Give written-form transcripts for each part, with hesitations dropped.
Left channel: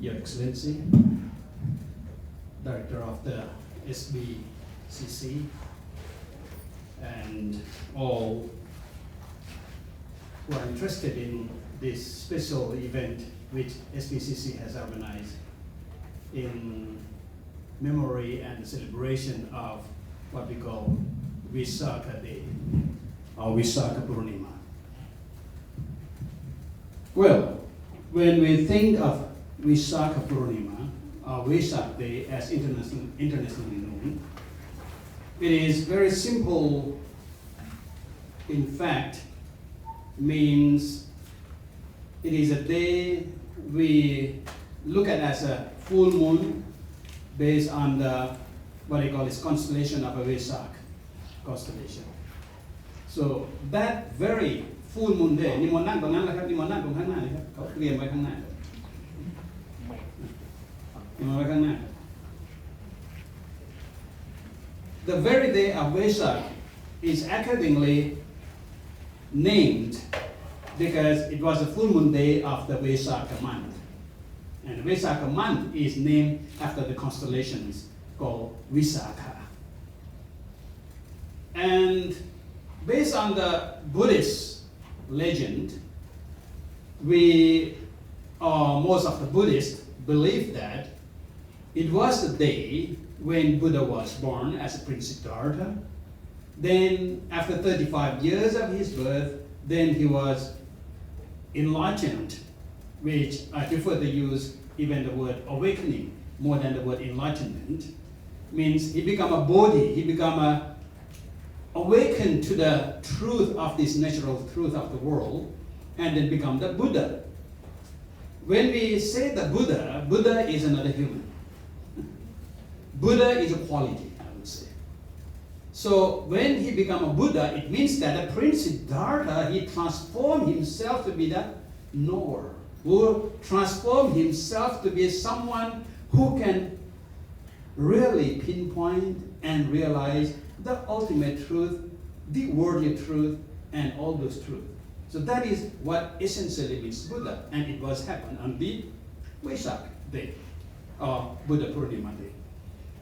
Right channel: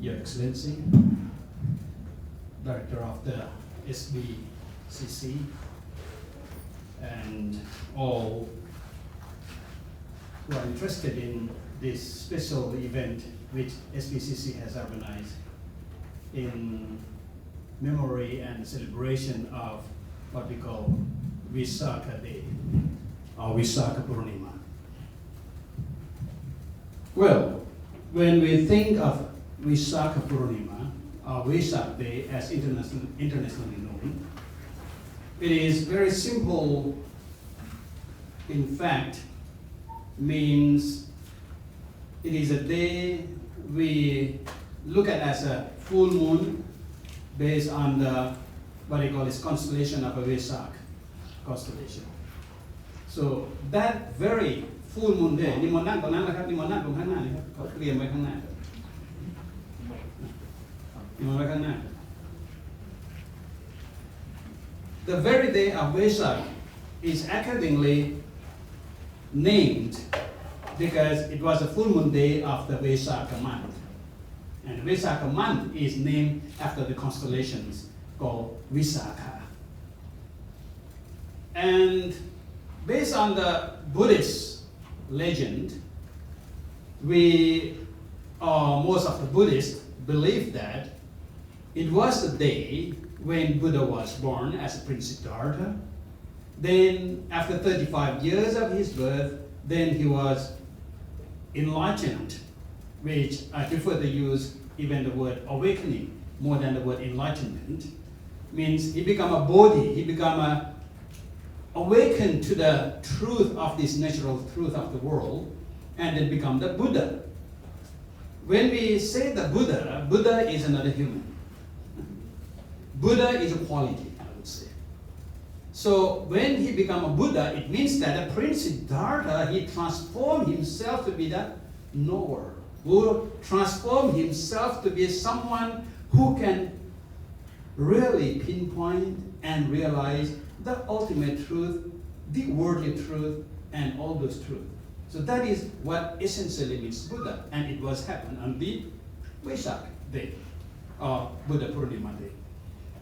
Your Excellency, Director of the SBCC, and all who are interested in this special event which SBCC has organized in memory and celebration of what we call Vesak Day or Vesak Purnima. Well, when we think of Vesak Purnima or Vesak Day as internationally known, it is very simple. In fact, means it is a day we look at as a full moon based on the what they call is constellation of a Vesak constellation. So that very full moon day, นิมนต์นั่งตรงนั้นแล้วครับนิมนต์นั่งตรงข้างหน้าเลยครับเขาเตรียมไว้ข้างหน้าครับนิมนต์ไว้ข้างหน้า The very day of Vesak is accordingly named because it was a full moon day of the Vesak month. And the Vesak month is named after the constellations called Visakha. And based on the Buddhist legend, most of the Buddhists believe that it was the day when Buddha was born as a Prince Siddhartha. Then after 35 years of his birth, then he was enlightened, which I prefer to use even the word awakening more than the word enlightenment. Means he become a bodhi, he become awakened to the truth of this natural truth of the world, and then become the Buddha. When we say the Buddha, Buddha is another human. Buddha is a quality, I would say. So when he become a Buddha, it means that the Prince Siddhartha, he transformed himself to be the knower, who transformed himself to be someone who can really pinpoint and realize the ultimate truth, the worldly truth, and all those truths. So that is what essentially means Buddha, and it was happened on the Vesak day, or Buddha Purnima day.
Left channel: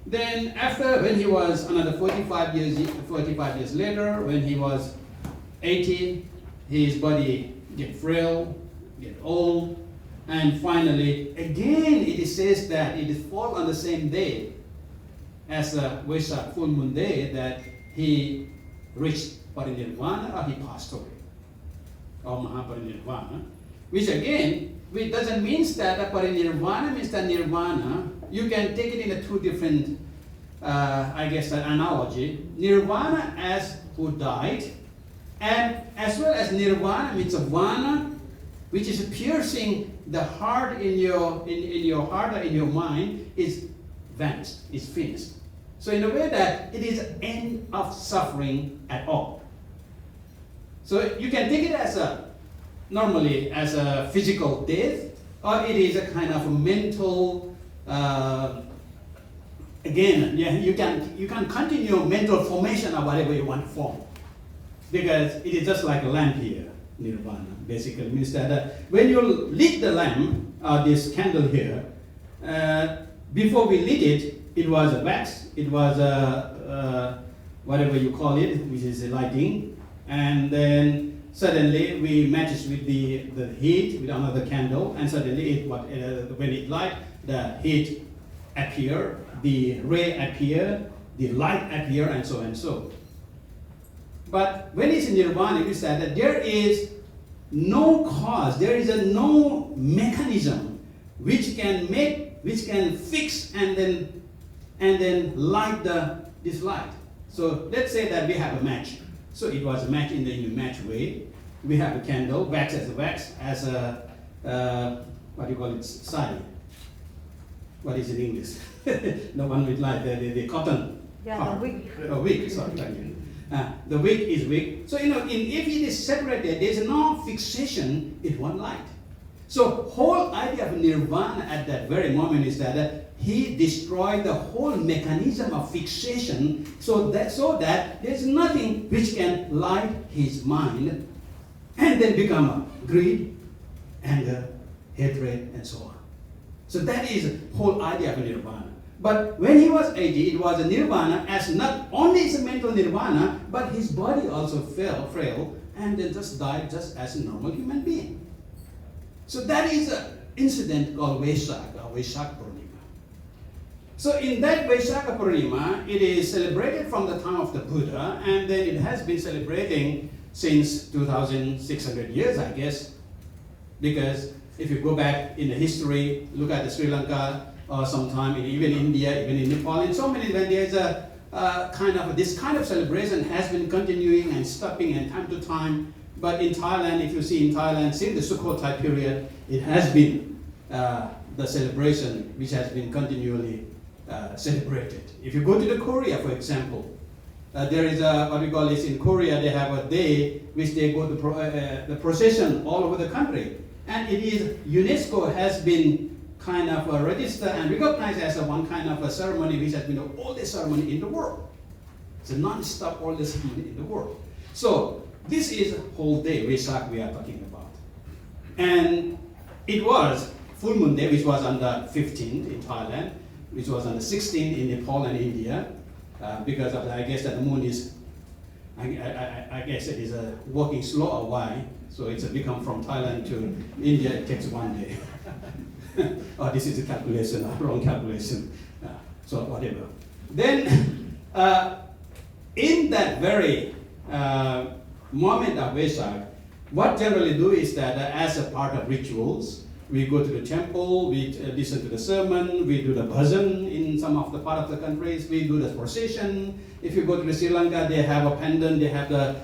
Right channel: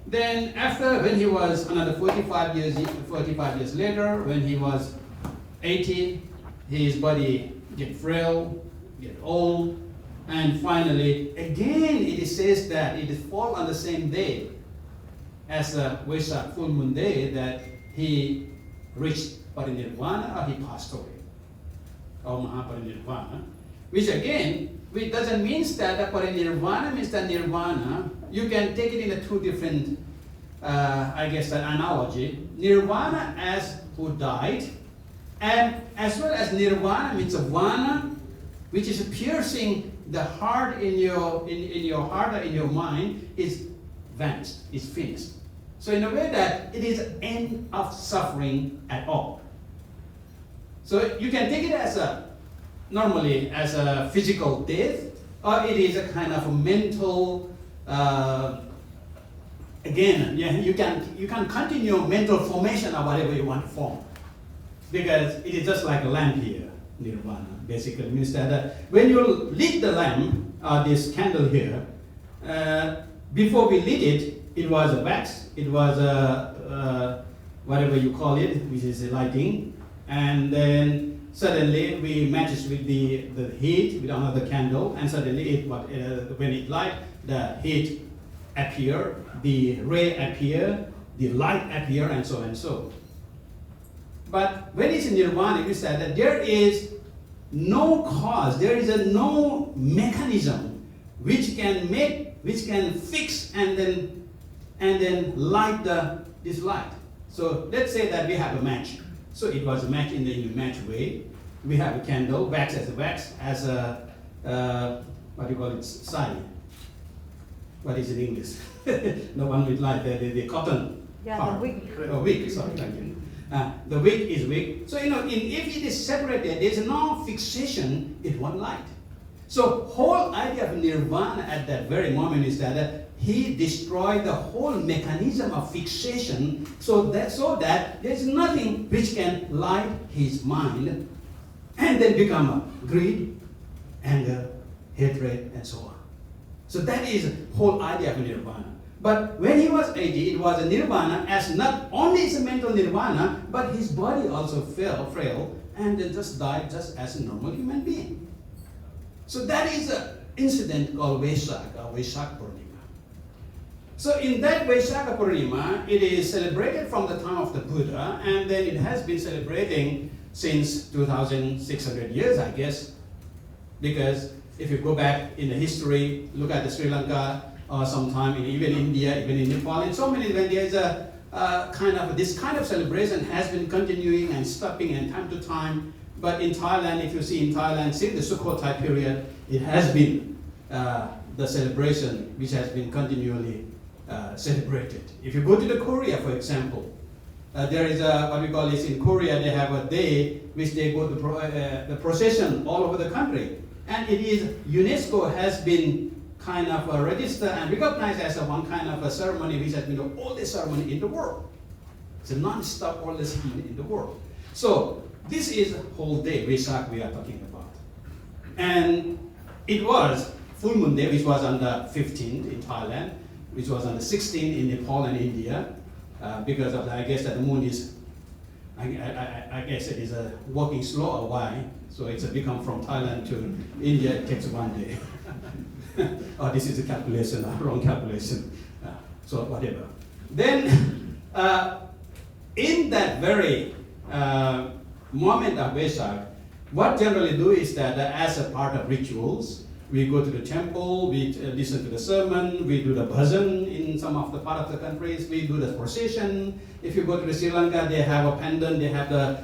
Then after, when he was another 45 years later, when he was 80, his body get frail, get old, and finally, again, it says that it fall on the same day as the Vesak full moon day that he reached parinirvana or he passed away, or Mahaparinirvana, which again, which doesn't mean that the parinirvana means that nirvana. You can take it in a two different, analogy. Nirvana as who died, and as well as nirvana means a vana, which is piercing the heart in your heart or in your mind, is vanished, is finished. So in a way that it is an end of suffering at all. So you can take it as normally as a physical death, or it is a kind of a mental. You can continue mental formation or whatever you want to form, because it is just like a lamp here. Nirvana basically means that when you lit the lamp, this candle here, before we lit it, it was a wax, it was whatever you call it, which is a lighting, and then suddenly we matches with the heat with another candle, and suddenly when it light, the heat appear, the ray appear, the light appear, and so and so. But when it's in nirvana, it is that there is no cause, there is no mechanism which can fix and then light this light. So let's say that we have a match. So it was a match in the match way. We have a candle, wax as a what do you call it? Sari. What is it in English? The one with light, the cotton. Yeah, the wick. Oh, wick. Sorry, thank you. The wick is wick. So if it is separated, there is no fixation in one light. So whole idea of nirvana at that very moment is that he destroyed the whole mechanism of fixation, so that there is nothing which can light his mind, and then become greed, anger, hatred, and so on. So that is the whole idea of nirvana. But when he was 80, it was a nirvana as not only is a mental nirvana, but his body also fell frail and then just died just as a normal human being. So that is an incident called Vesak, or Vesak Purnima. So in that Vesak Purnima, it is celebrated from the time of the Buddha, and then it has been celebrating since 2,600 years, I guess, because if you go back in the history, look at the Sri Lanka, or sometime in even India, even in Nepal, and so many, when there's a this kind of celebration has been continuing and stopping and time to time. But in Thailand, if you see in Thailand, since the Sukhothai period, it has been the celebration which has been continually celebrated. If you go to the Korea, for example, there is what we call is in Korea, they have a day which they go to the procession all over the country. And it is, UNESCO has been kind of registered and recognized as one kind of a ceremony which has been the oldest ceremony in the world. It's a non-stop oldest ceremony in the world. So this is a whole day, Vesak, we are talking about. And it was full moon day, which was on the 15th in Thailand, which was on the 16th in Nepal and India, because of I guess that the moon is, I guess it is working slow or why, so it's become from Thailand to India, it takes one day. Oh, this is a calculation, wrong calculation. So whatever. Then, in that very moment of Vesak, what generally do is that as a part of rituals, we go to the temple, we listen to the sermon, we do the bhajan in some of the part of the countries, we do the procession. If you go to Sri Lanka, they have a pendant, they have the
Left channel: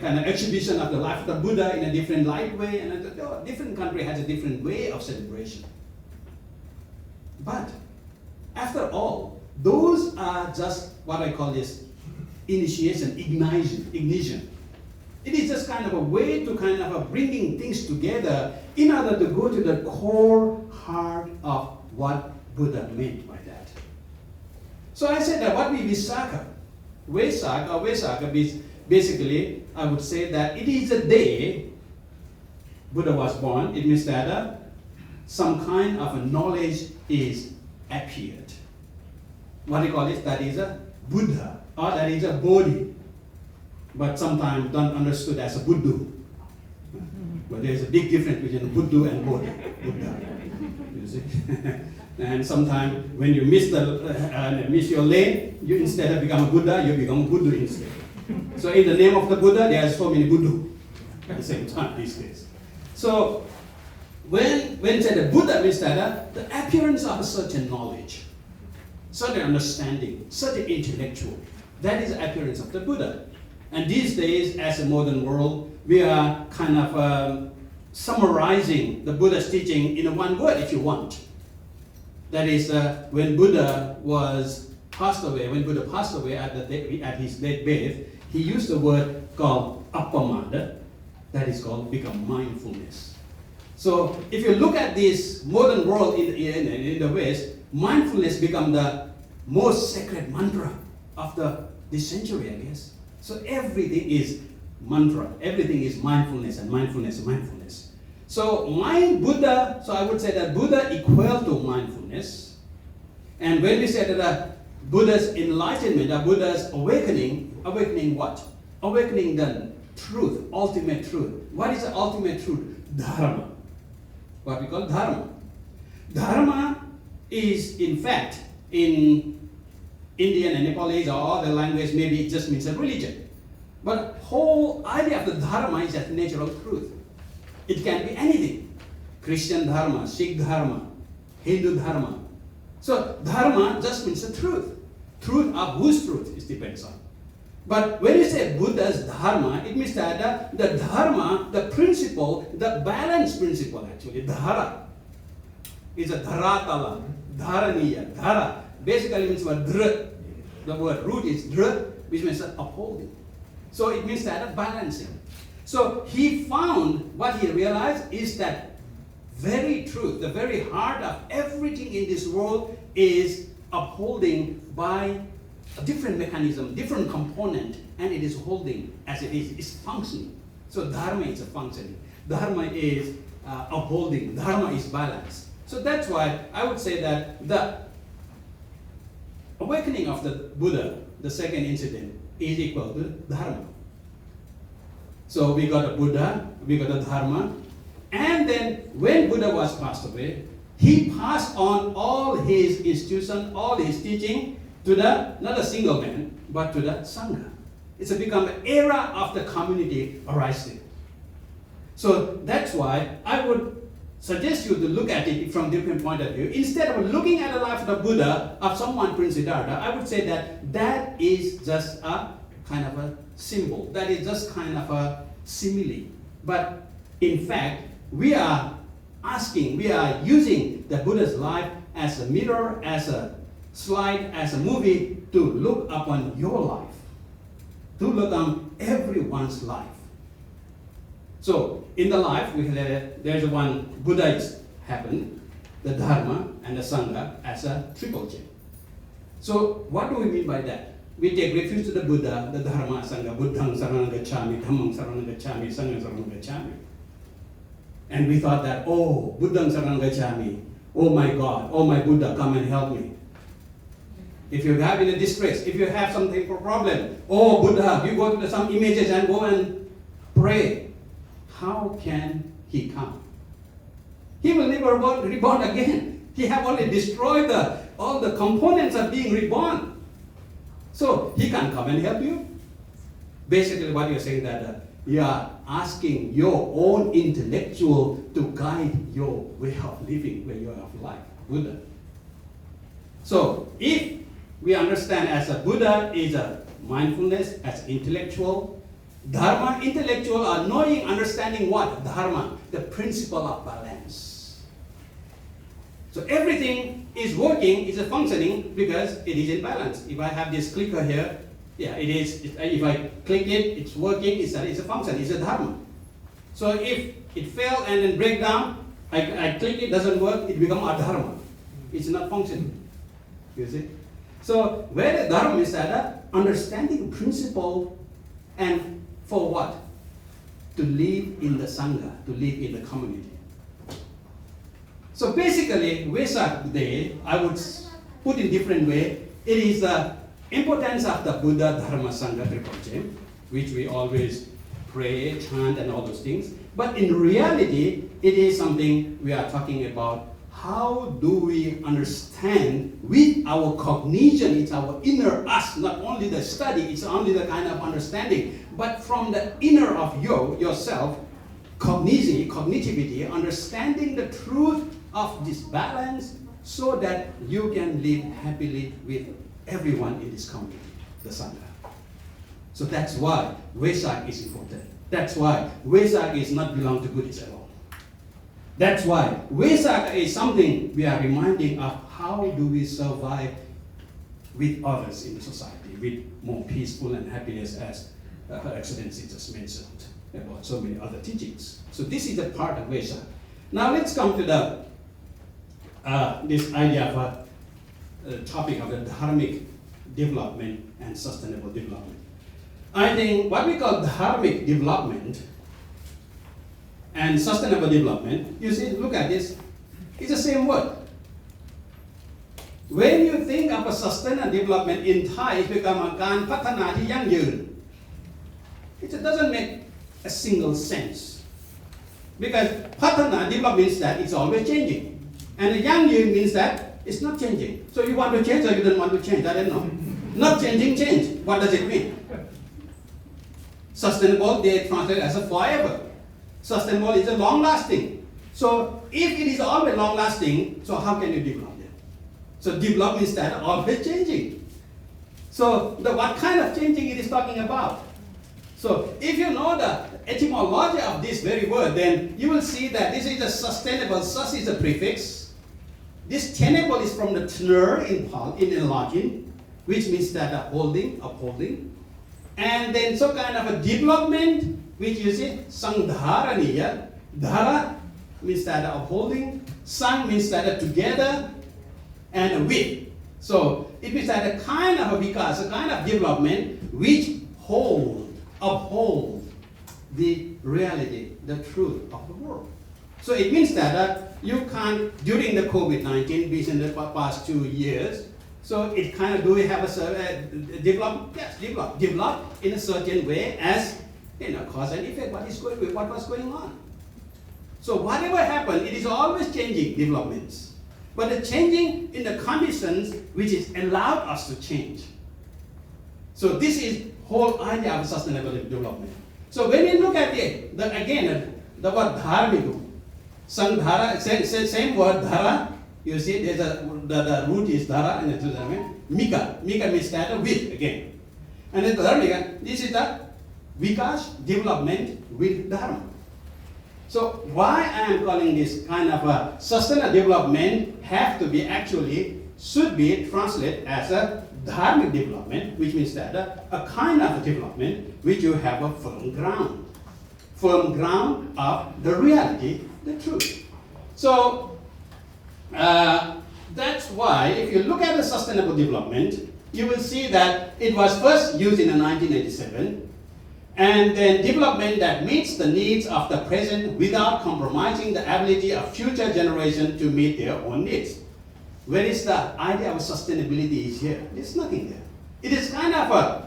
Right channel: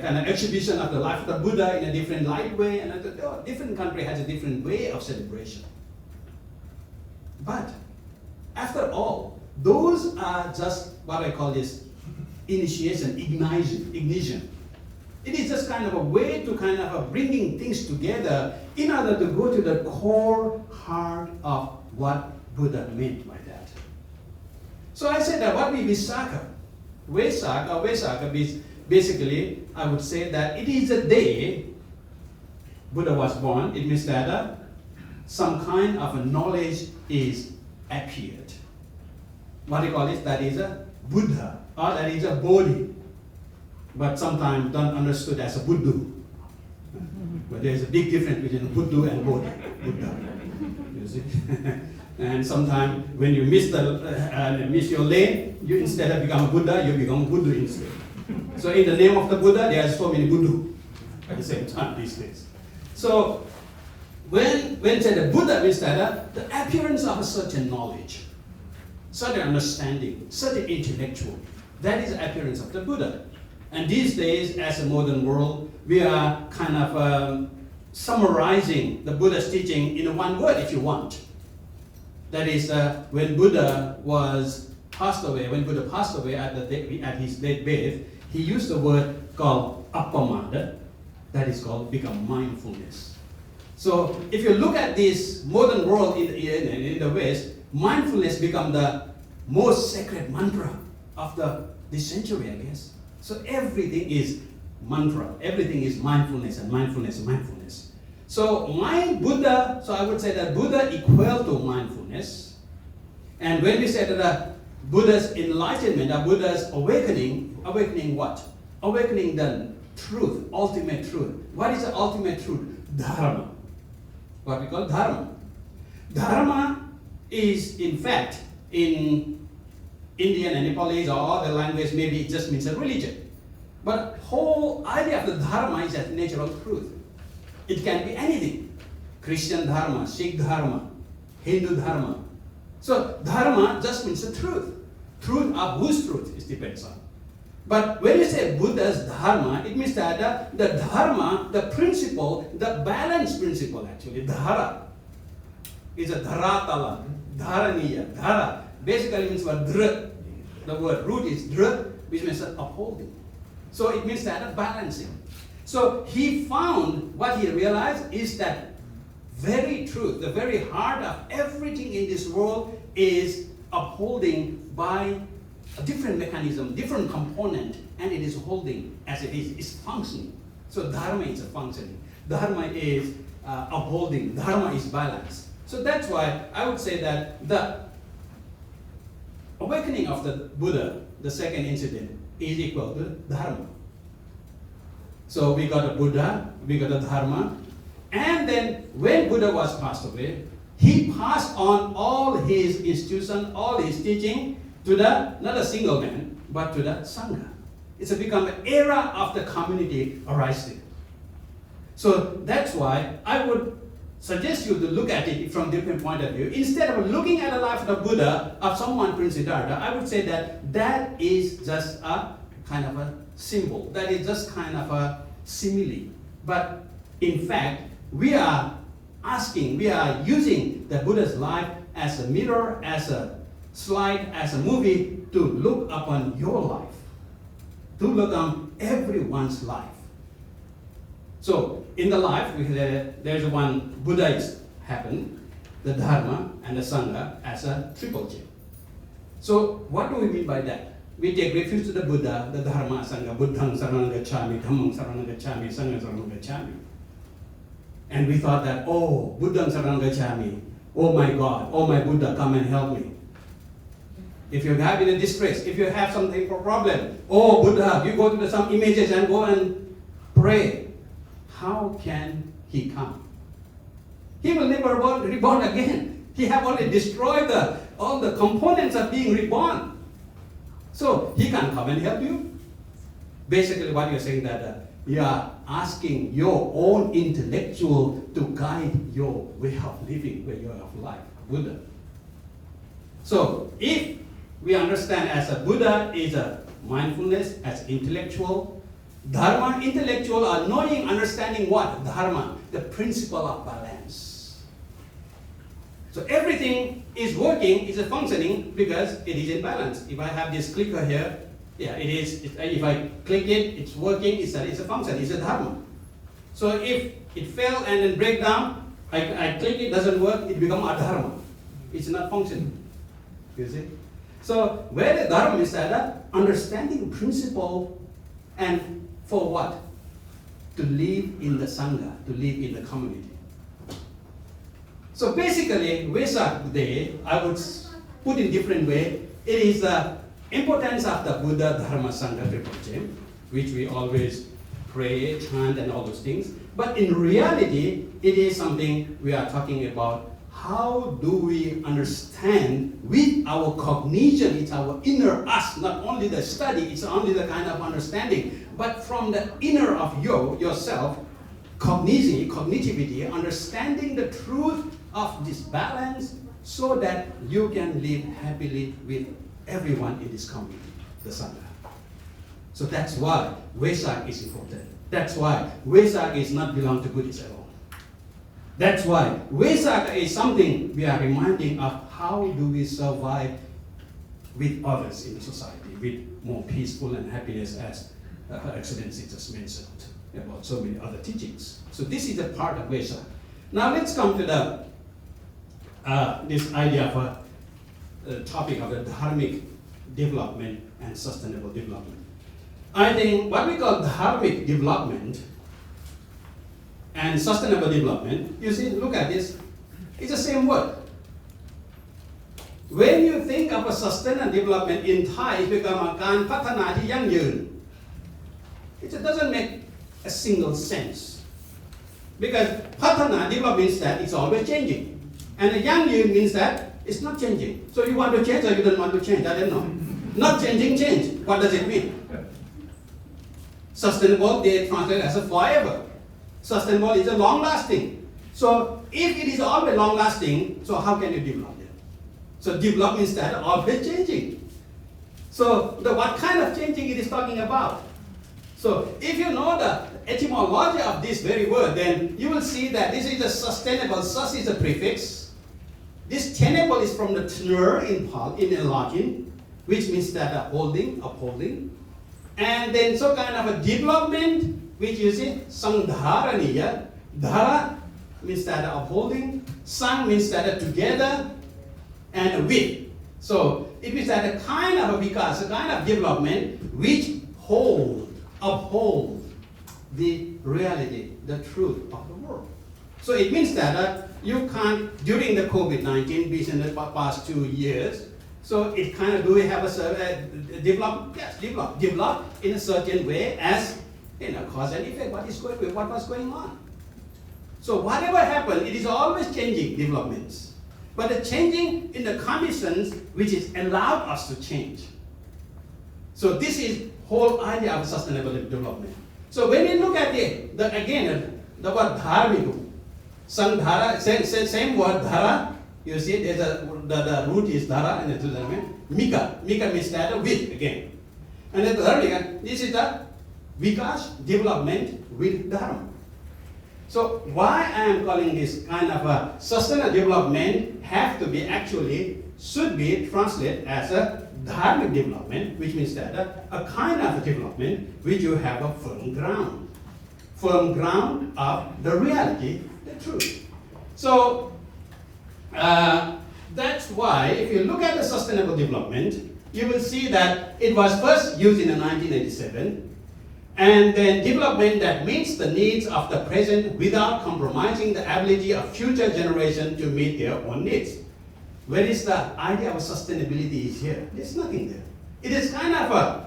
kind of exhibition of the life of the Buddha in a different light way, and different country has a different way of celebration. But after all, those are just what I call this initiation, ignition. It is just kind of a way to kind of bringing things together in order to go to the core heart of what Buddha meant by that. So I said that what we Vesak is basically, I would say that it is a day Buddha was born. It means that some kind of a knowledge is appeared. What do you call it? That is a Buddha, or that is a Bodhi. But sometimes don't understood as a Buddha. But there's a big difference between Buddha and Bodhi. Buddha. You see? And sometimes when you miss your lane, you instead of become a Buddha, you become Buddha instead. So in the name of the Buddha, there are so many Buddha at the same time these days. So when said the Buddha means that the appearance of a certain knowledge, certain understanding, certain intellectual, that is the appearance of the Buddha. And these days, as a modern world, we are kind of summarizing the Buddha's teaching in one word, if you want. That is, when Buddha passed away at his deathbed, he used the word called appamada, that is called become mindfulness. So if you look at this modern world in the West, mindfulness become the most sacred mantra of this century, I guess. So everything is mantra, everything is mindfulness and mindfulness and mindfulness. So Buddha, so I would say that Buddha equal to mindfulness. And when we say that Buddha's enlightenment, Buddha's awakening what? Awakening the truth, ultimate truth. What is the ultimate truth? Dharma. What we call Dharma. Dharma is, in fact, in Indian and Nepalese or other language, maybe it just means a religion. But whole idea of the Dharma is that natural truth. It can be anything. Christian Dharma, Sikh Dharma, Hindu Dharma. So Dharma just means the truth. Truth of whose truth, it depends on. But when you say Buddha's Dharma, it means that the Dharma, the principle, the balance principle actually, Dhara, is a Dharatala, Dharaniya, Dhara. Basically means what dhr. The word root is dhr, which means upholding. So it means that balancing. So he found, what he realized is that very truth, the very heart of everything in this world is upholding by a different mechanism, different component, and it is holding as it is, it's functioning. So Dharma is a functioning. Dharma is upholding. Dharma is balance. So that's why I would say that the awakening of the Buddha, the second incident, is equal to Dharma. So we got a Buddha, we got a Dharma, and then when Buddha was passed away, he passed on all his institution, all his teaching to the, not a single man, but to the Sangha. It's become an era of the community arising. So that's why I would suggest you to look at it from different point of view. Instead of looking at the life of the Buddha, of someone Prince Siddhartha, I would say that that is just a kind of a symbol. That is just kind of a simile. But in fact, we are using the Buddha's life as a mirror, as a slide, as a movie to look upon your life, to look on everyone's life. So in the life, there's one Buddha is happened, the Dharma and the Sangha as a triple chain. So what do we mean by that? We take refuge to the Buddha, the Dharma, Sangha, Buddhang Saranam Gacchami, Dhammang Saranam Gacchami, Sanghang Saranam Gacchami. And we thought that, oh, Buddhang Saranam Gacchami, oh my God, oh my Buddha, come and help me. If you have in a distress, if you have something for problem, oh Buddha, you go to some images and go and pray. How can he come? He will never reborn again. He have only destroyed all the components of being reborn. So he can come and help you. Basically what you're saying that you are asking your own intellectual to guide your way of living, way of life, Buddha. So if we understand as a Buddha is a mindfulness, as intellectual, Dharma, intellectual are knowing, understanding what? Dharma, the principle of balance. So everything is working, is functioning because it is in balance. If I have this clicker here, yeah, it is. If I click it, it's working. It's a function. It's a Dharma. So if it fail and then break down, I click it, doesn't work. It becomes a Dharma. It's not functioning. You see. So where the Dharma is that understanding principle, and for what? To live in the Sangha, to live in the community. So basically, Vesak Day, I would put in different way. It is the importance of the Buddha, Dharma, Sangha triple chain, which we always pray, chant, and all those things. But in reality, it is something we are talking about. How do we understand with our cognition? It's our inner us, not only the study, it's only the kind of understanding, but from the inner of yourself, cognitivity, understanding the truth of this balance so that you can live happily with everyone in this community, the Sangha. So that's why Vesak is important. That's why Vesak is not belong to Buddhists at all. That's why Vesak is something we are reminding of how do we survive with others in the society, with more peaceful and happiness, as Her Excellency just mentioned about so many other teachings. So this is a part of Vesak. Now let's come to the this idea of a topic of the Dharmic development and sustainable development. I think what we call Dharmic development and sustainable development, you see, look at this, it's the same word. When you think of a sustainable development in Thai, it becomes aการพัฒนาที่ยั่งยืน. It doesn't make a single sense. Because พัฒนา development means that it's always changing. And the ยั่งยืน means that it's not changing. So you want to change or you don't want to change? I don't know. Not changing, change. What does it mean? Sustainable, they translate as a forever. Sustainable is a long-lasting. So if it is always long-lasting, so how can you develop it? So develop means that always changing. So what kind of changing it is talking about? So if you know the etymology of this very word, then you will see that this is a sustainable. Sus is a prefix. This tenable is from the tner in Latin, which means that holding, upholding. And then so kind of a development, which you see, sangdharaniya. Dhara means that upholding, sang means that together, and with. So it means that a kind of a vikas, a kind of development which uphold the reality, the truth of the world. So it means that you can't, during the COVID-19, in the past 2 years, so it kind of, do we have a develop? Yes, develop in a certain way as, cause and effect, what was going on. So whatever happened, it is always changing developments. But the changing in the conditions which is allowed us to change. So this is whole idea of sustainable development. So when you look at the word dharmic, sandhara, same word dhara, you see there's the root is dhara and the mika. Mika means that with again. And then dharmic, this is the vikas, development with dharma. So why I am calling this kind of a sustainable development should be translated as a dharmic development, which means that a kind of development which you have a firm ground of the reality, the truth. So that's why if you look at the sustainable development, you will see that it was first used in 1987, and then development that meets the needs of the present without compromising the ability of future generations to meet their own needs. Where is the idea of sustainability is here? There's nothing there. It is kind of a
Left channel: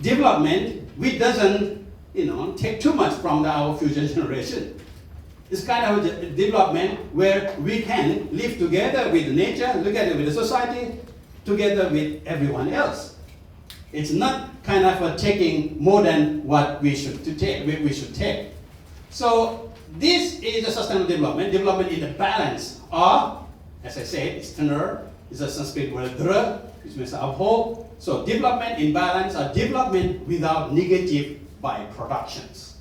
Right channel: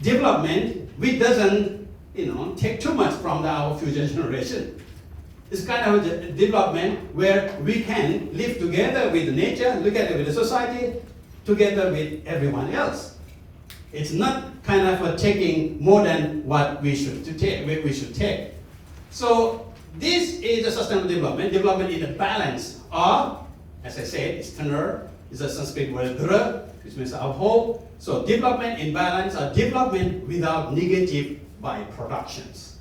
development which doesn't, take too much from our future generation. It's kind of a development where we can live together with nature, together with the society, together with everyone else. It's not kind of taking more than what we should take. So this is the sustainable development. Development is a balance, or as I said, it's tenor, it's a Sanskrit word dhra, which means our whole. So development in balance, or development without negative byproductions.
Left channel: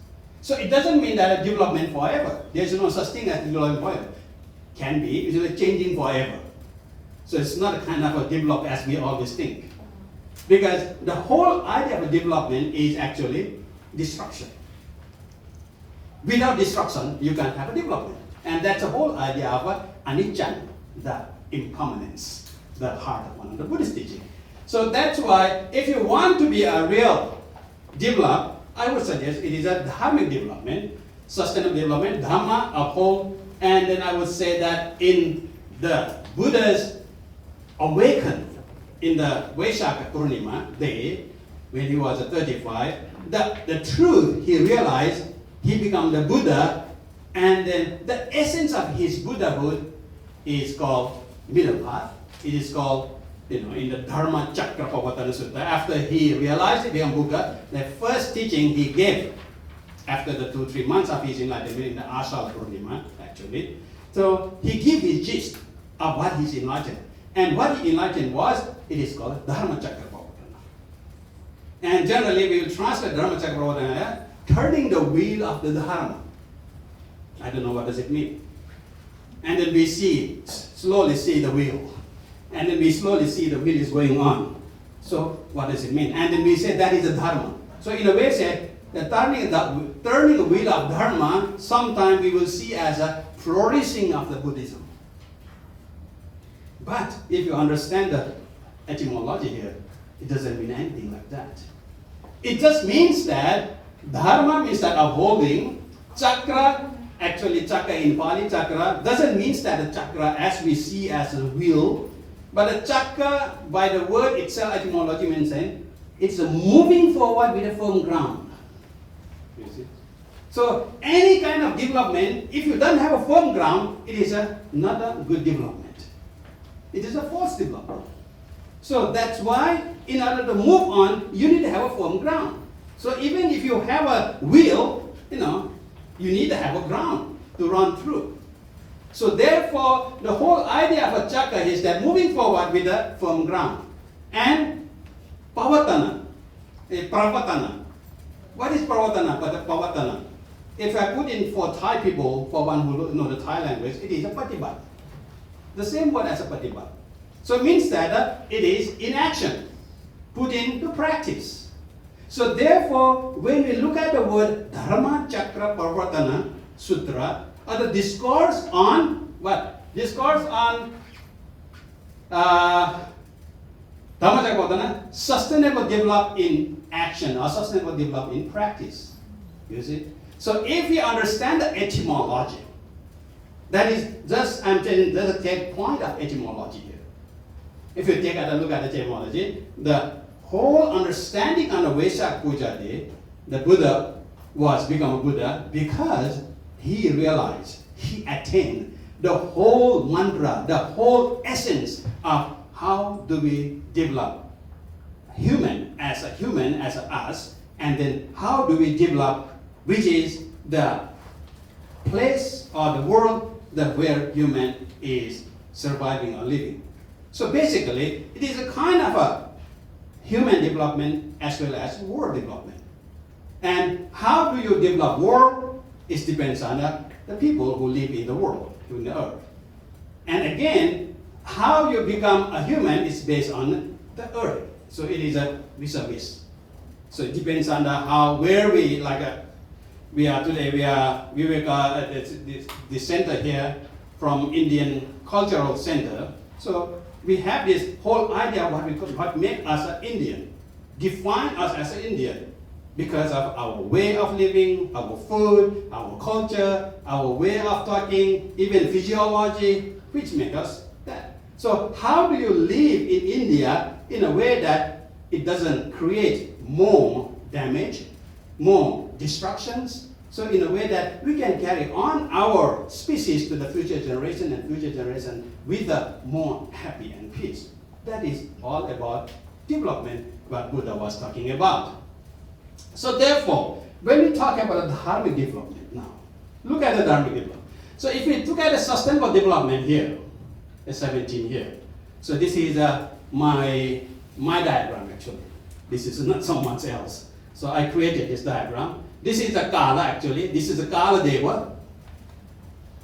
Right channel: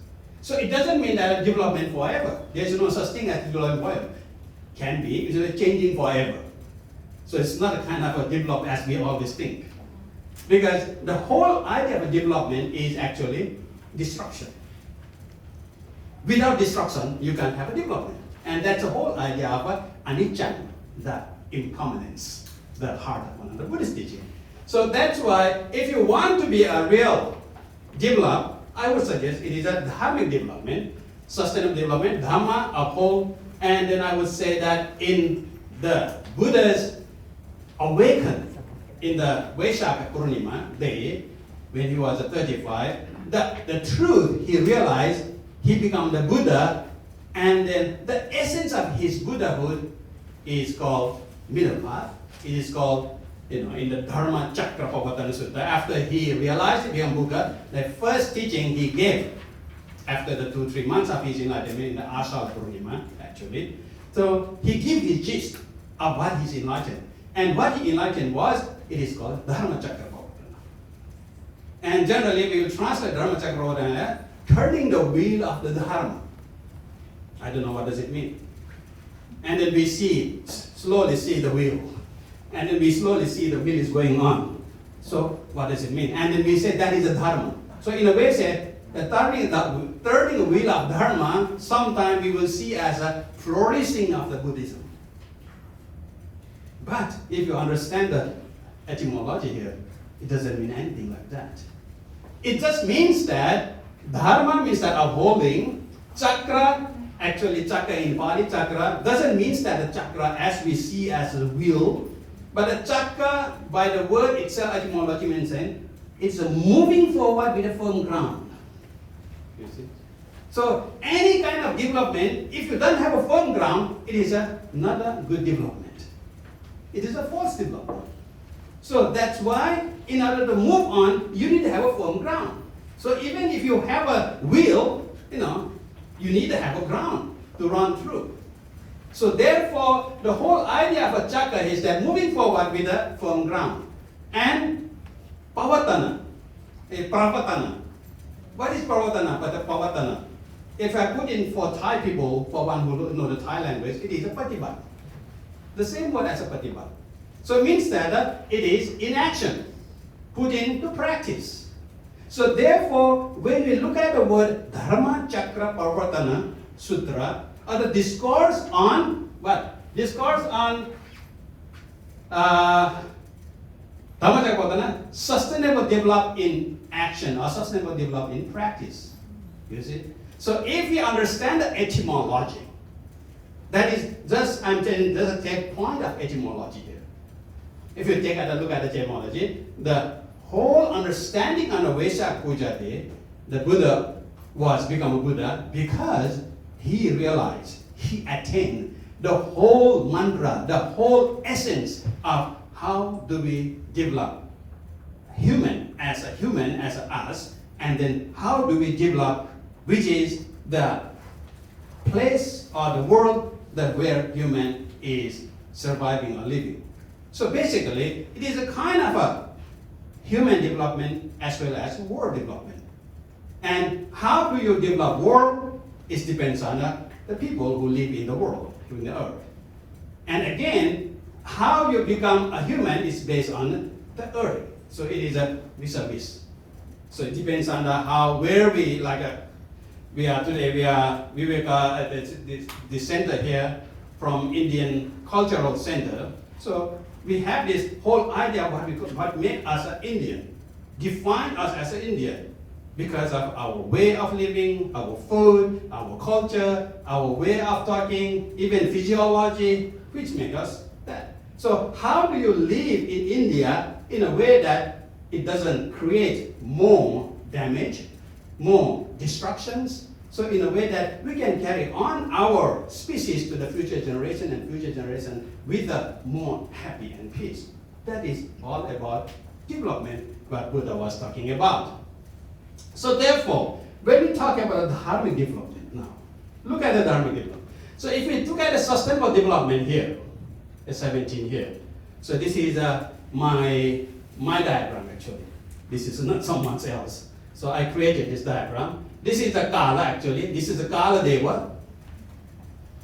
So it doesn't mean that a development forever. There's no such thing as development forever. Can be, it's changing forever. So it's not a kind of a develop as we always think. Because the whole idea of development is actually destruction. Without destruction, you can't have a development. And that's the whole idea of anicca, the impermanence, the heart of one of the Buddhist teaching. So that's why if you want to be a real develop, I would suggest it is a dharmic development, sustainable development, dhamma, uphold, and then I would say that in the Buddha's awakened in the Vesak Purnima day, when he was 35, the truth he realized, he became the Buddha, and then the essence of his Buddhahood is called middle path. It is called, in the Dharma Chakra Pavatana Sutta. After he realized he became Buddha, the first teaching he gave after the 2-3 months of his enlightenment in the Ashal Purnima, actually. So he gave his gist of what he's enlightened. And what he enlightened was, it is called Dharma Chakra Pavatana. And generally we will translate Dharma Chakra Pavatana, turning the wheel of the Dharma. I don't know what does it mean. And then we slowly see the wheel. And then we slowly see the wheel is going on. So what does it mean? And then we say that is a Dharma. So in a way said, the turning the wheel of Dharma, sometimes we will see as a flourishing of the Buddhism. But if you understand the etymology here, it doesn't mean anything like that. It just means that Dharma means that upholding, chakra, actually chakra in Pali, chakra, doesn't mean that the chakra as we see as a wheel, but a chakra, by the word itself, etymology means it's a moving forward with a firm ground. You see? So any kind of development, if you don't have a firm ground, it is not a good development. It is a false development. So that's why, in order to move on, you need to have a firm ground. So even if you have a wheel, you need to have a ground to run through. So therefore, the whole idea of a chakra is that moving forward with a firm ground. And pavatana, pravatana. What is pravatana? Pavatana. If I put in for Thai people, for one who know the Thai language, it is a patibat. The same word as a patibat. So it means that it is in action, put into practice. So therefore, when we look at the word Dharma Chakra Parvatana Sutra, or the discourse on what? Discourse on Dharma Chakra Parvatana, sustainable develop in action or sustainable develop in practice. You see? So if we understand the etymology, That is just, I'm telling, doesn't take point of etymology here. If you take a look at the etymology, the whole understanding on the Vesak Puja day, the Buddha was become a Buddha because he realized, he attained the whole mantra, the whole essence of how do we develop human as us, and then how do we develop, which is the place or the world that where human is surviving or living. So basically, it is a kind of a human development as well as world development. And how do you develop world? It depends on the people who live in the world, in the earth. And again, how you become a human is based on the earth. So it is a vis-a-vis. So it depends on where we, we are today, we are Vivekananda at the center here from Indian Cultural Center. So we have this whole idea of what makes us an Indian, define us as an Indian, because of our way of living, our food, our culture, our way of talking, even physiology, which make us that. So how do you live in India in a way that it doesn't create more damage, more destructions? So in a way that we can carry on our species to the future generation and future generation with a more happy and peace. That is all about development, what Buddha was talking about. So therefore, when we talk about Dharmic development now, look at the Dharmic development. So if we look at the sustainable development here, the 17 here. So this is my diagram actually. This is not someone else. So I created this diagram. This is the Kala actually. This is the Kala Deva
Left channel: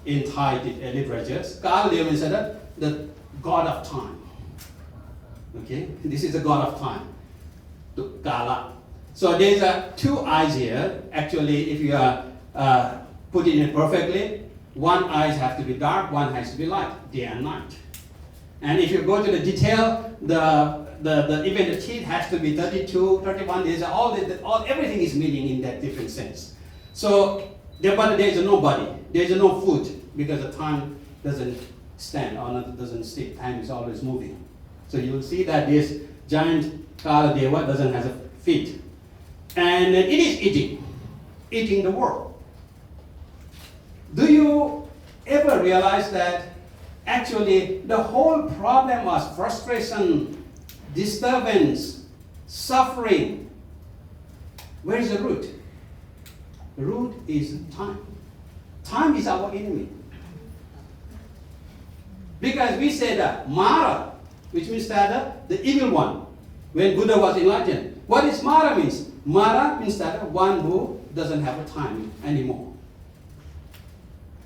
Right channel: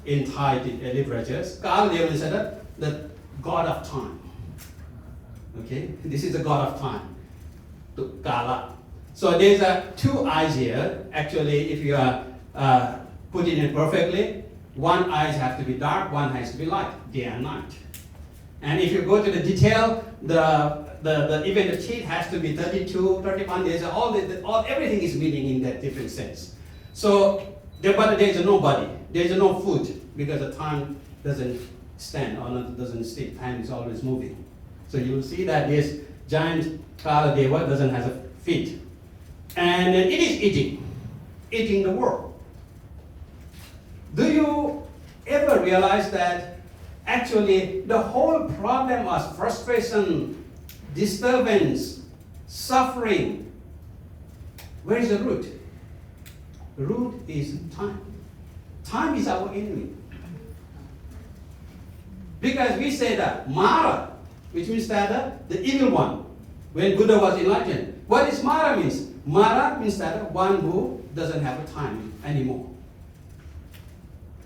in Thai literatures. Kala Deva is the god of time. Okay, this is the god of time, the Kala. So there's two eyes here. Actually, if you are putting it perfectly, one eye has to be dark, one has to be light, day and night. And if you go to the detail, even the teeth has to be 32, 31 days. Everything is meaning in that different sense. So, but there is no body, there is no food, because the time doesn't stand or doesn't stay. Time is always moving. So you will see that this giant Kala Deva doesn't have feet. And it is eating the world. Do you ever realize that actually the whole problem was frustration, disturbance, suffering? Where is the root? The root is time. Time is our enemy. Because we say that Mara, which means that the evil one, when Buddha was enlightened. What is Mara means? Mara means that one who doesn't have a time anymore.